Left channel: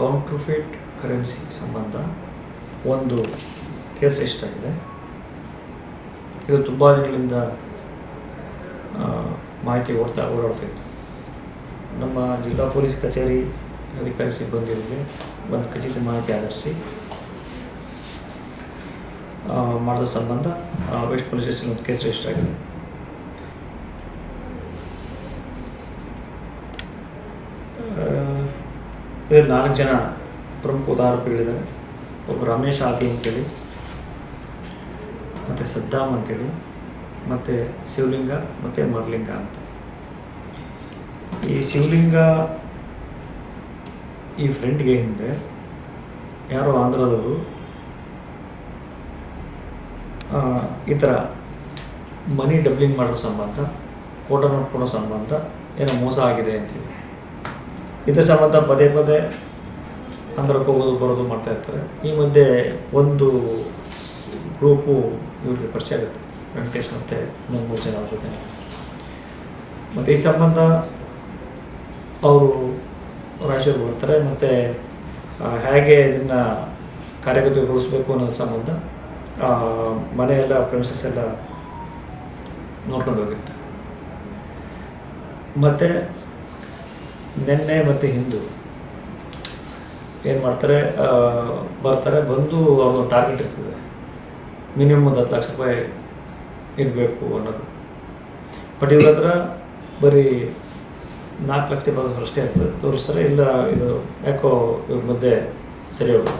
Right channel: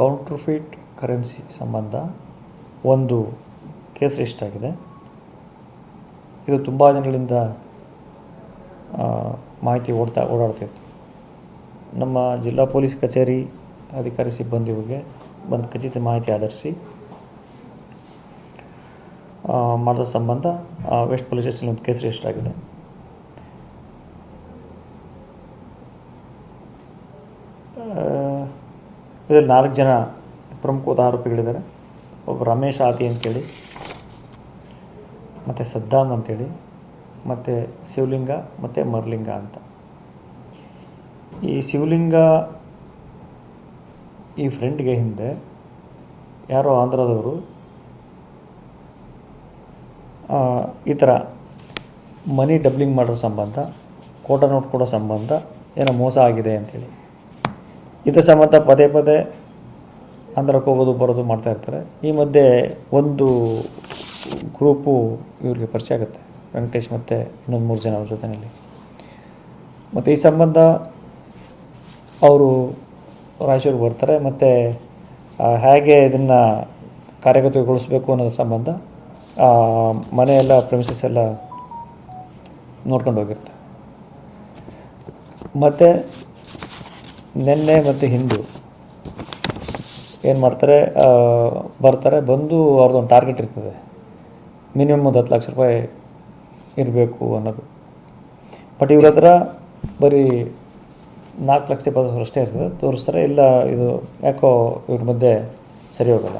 ಕೌಂಟ್ರಫೇಟ್ currency ಸಂಬಂಧ ಒಂದು case ಎಷ್ಟಾಗಿದೆ ಇದು ತುಂಬ ದಿನಗಳಿಂದ ಮಾಹಿತಿ ಓಡ್ತಾ ಓಡಾಡ್ತಿತ್ತು ನಮ್ಮ ಜಿಲ್ಲಾ ಪೊಲೀಸ್ ಕಚೇರಿ ಅಧಿಕಾರಿ ಸಿಬ್ಬಂದಿಯವರಿಗೆ ಬಂದು ಖಚಿತ ಮಾಹಿತಿ ಆಧರಿಸಿ ಮಾಡಿದ ಸಂಬಂಧ ವೆಸ್ಟ್ ಪೊಲೀಸ್ ಸ್ಟೇಷನ್ ಒಂದು ಕೇಸ್ ರಿಜಿಸ್ಟರ್ ಆಗಿದೆ. ಇದರಲ್ಲಿ ನಾಲ್ಕು ಜನ ಪ್ರಮುಖ ಉದಾಹರಣೆಗಳಿದ್ದಾರೆ. ಒಬ್ಬ ರಮೇಶ್ ಆತಿ ಅಂತೇಳಿ, ಮತ್ತು ಸದ್ದಾಮ್ ಅಂತೇಳಿ, ಮತ್ತು ಶಿವಲಿಂಗ, ಮತ್ತು ಮರ್ಲಿಂಗ ಅಂತ. ಈ ಶಿವಲಿಂಗ ಈ ಫ್ರೆಂಡ್ಗೆ ಹಿಂದೆ ಯಾರೋ ಆಂಧ್ರದವರು ಈ ಥರ ಮನಿ ಡಬ್ಲಿಂಗ್ ಮಾಡೋ ಸಂಬಂಧ ಕೋಟ ನೋಟ್ ಕೊಡೋ ಸಂಬಂಧ ಏನೋ ಮೋಸ ಆಗಿದೆ ಅಂತೇಳಿ. ಇದ್ರ ಸಂಬಂಧ ಪದೇ ಪದೇ ಆಂಧ್ರಕ್ಕೆ ಹೋಗೋದು, ಬರೋದು ಮಾಡ್ತಾ ಇರ್ತಾರೆ. ಈ ಮಧ್ಯೆ ಒಂದು ಗ್ರೂಪು ಇವರಿಗೆ ಪರಿಚಯ ಆಗುತ್ತೆ. ವೆಂಕಟೇಶ್ ಮತ್ತು ಇನ್ನೊಂದು ಮೂರು ಜನ ಅವ್ರ ಜೊತೆ ಮತ್ತು ಈ ಸಂಬಂಧ ಅವರು ರಾಯಚೂರಿಗೆ ಬರ್ತಾರೆ. ಮತ್ತು ಹೇಗೆ ಇದನ್ನು ಕಾರ್ಯಗತಗೊಳಿಸ್ಬೇಕು ಅನ್ನೋದ್ರ ಸಂಬಂಧ ಮನೆಯೆಲ್ಲ ಪ್ರೆಮಿಸಸ್ ಎಲ್ಲ ನೋಡ್ಕೊಂಡು ಹೋಗಿರ್ತಾರೆ. ಮತ್ತು ನಿನ್ನೆ ಮತ್ತು ಹಿಂದೂ. ಏನು ಮಾಡ್ತಾರೆ ಬರ್ತಾರೆ, ಬಂದು ಅವ್ರದ್ದೊಂದು ಟಾರ್ಗೆಟ್ ಇರ್ತದೆ. ಮಿನಿಮಮ್ ಒಂದು ಹತ್ತು ಲಕ್ಷ ರೂಪಾಯಿ ಇರಬೇಕು ಅನ್ನೋದು. ಬಟ್ ಇವ್ರ ಹತ್ರ ಬರೀ ನಾಲ್ಕು ಲಕ್ಷ ಇಪ್ಪತ್ತು ಅಷ್ಟೇ ಇರ್ತದೆ. ತೋರಿಸ್ತಾರೆ, ಇಲ್ಲ, ಇದು ಯಾಕೋ ಇವ್ರ ಮಧ್ಯೆ ಸರಿ ಹೋಗಲ್ಲ.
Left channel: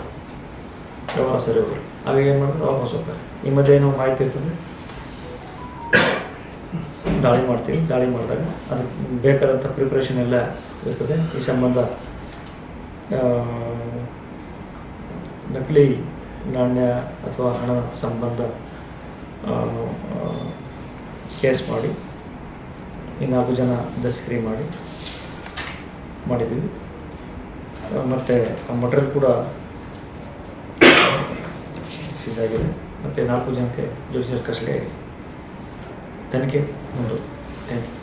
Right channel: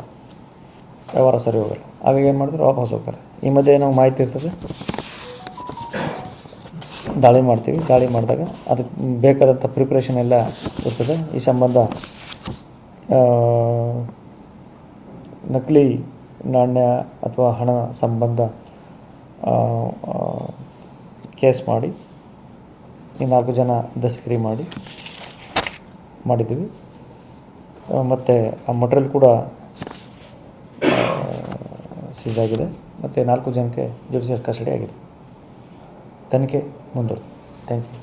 ವ್ಯವಹಾರ ಸರಿ ಹೋಗಲ್ಲ. ಆಗ ಏನು ಮಾಡ್ತಾರೆ, ವಾಪಸ್ ಹೋಗ್ತಾರೆ. ಈ ಮಧ್ಯೆ ಏನೋ ಮಾಹಿತಿ ಇರ್ತದೆ? ದಾಳಿ ಮಾಡ್ತೀವಿ. ದಾಳಿ ಮಾಡಿದಾಗ ಅದಕ್ಕೆ ಬೇಕಾದಂಥ ಪ್ರಿಪ್ರೇಷನ್ ಎಲ್ಲ ಇರ್ತದೆ. ಈ ಸಂಬಂಧ ನಕಲಿ ನಾಣ್ಯ ಅಥವಾ ಹಣ ಸಂಬಂಧ ಕೇಸ್ ಮಾಡಿ, ಈ ನಾಲ್ಕು ಜನ ದಸ್ಕರಿ ಮಾಡಿ, ಮಾಡಿದ್ದೀವಿ. ಮತ್ತು ಆ ಮಟೀರಿಯಲ್ ಕೂಡ ಸೀಸ್ ಆಗಿದೆ. ಮತ್ತು ನಾಲ್ಕು ಜನಕ್ಕೆ ಜುಡಿಷಿಯಲ್ ಕಸ್ಟಡಿ ಆಗಿದೆ. ತನಿಖೆ 今度天気